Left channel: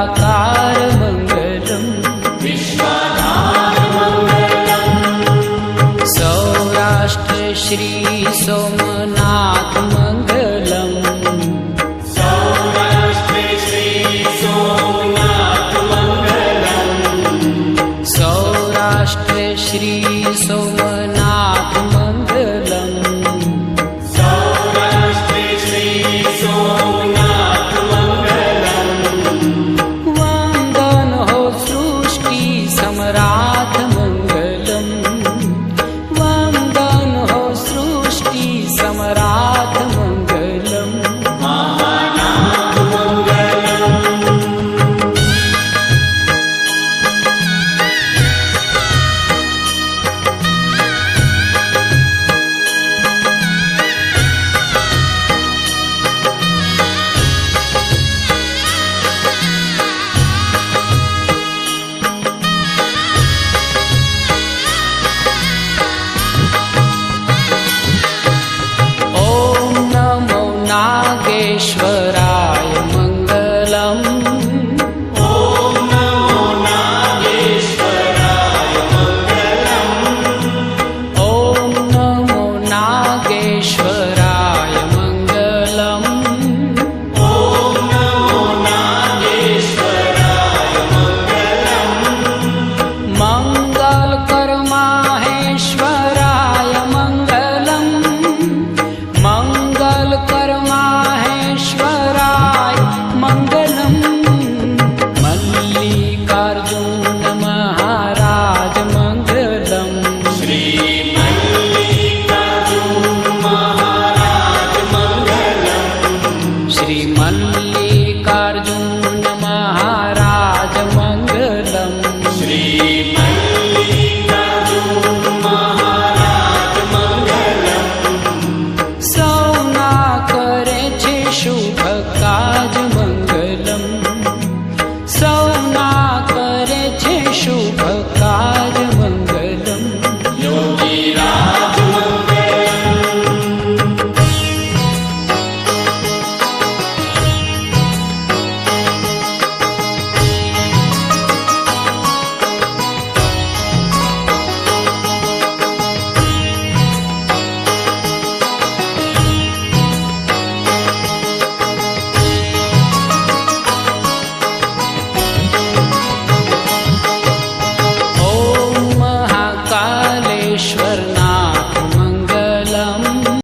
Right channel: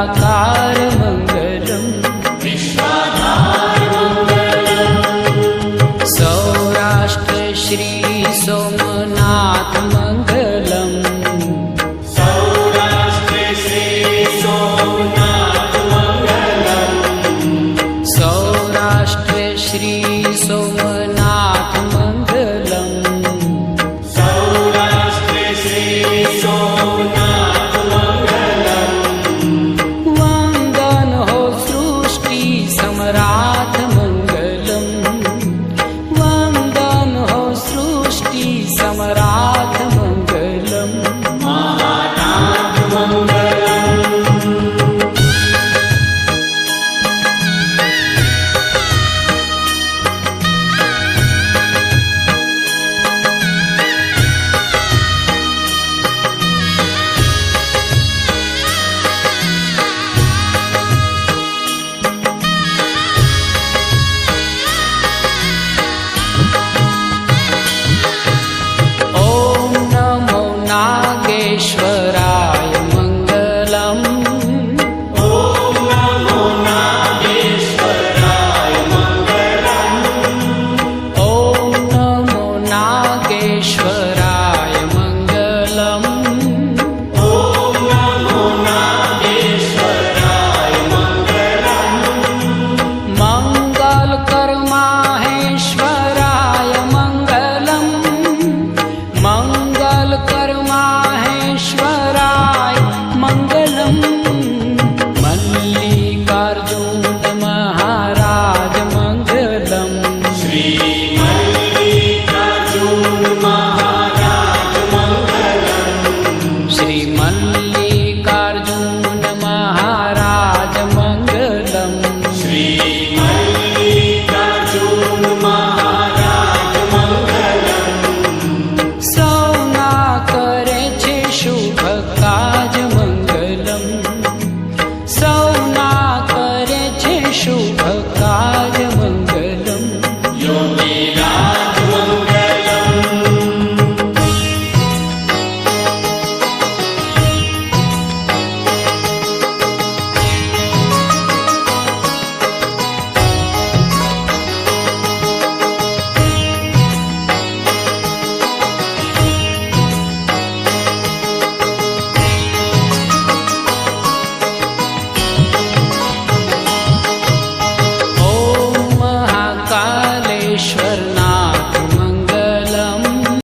निराकार मंगलम सौराष्ट्र श्री सोमनाथ मंगलम सौराष्ट्र श्री सोमनाथ मंगलम वंदन हो सृष्टि सम्राट मंगलम वंदन हो सृष्टि सम्राट मंगलम नागेश्वराय मंगलम ओम नमो नागेश्वराय मंगलम ओम नमो नागेश्वराय मंगलम ओम नमो नागेश्वराय मंगलम मंगल कर माहेश्वराय मंगलम मंगल कर माहेश्वराय मंगलम मल्लिकार्जुन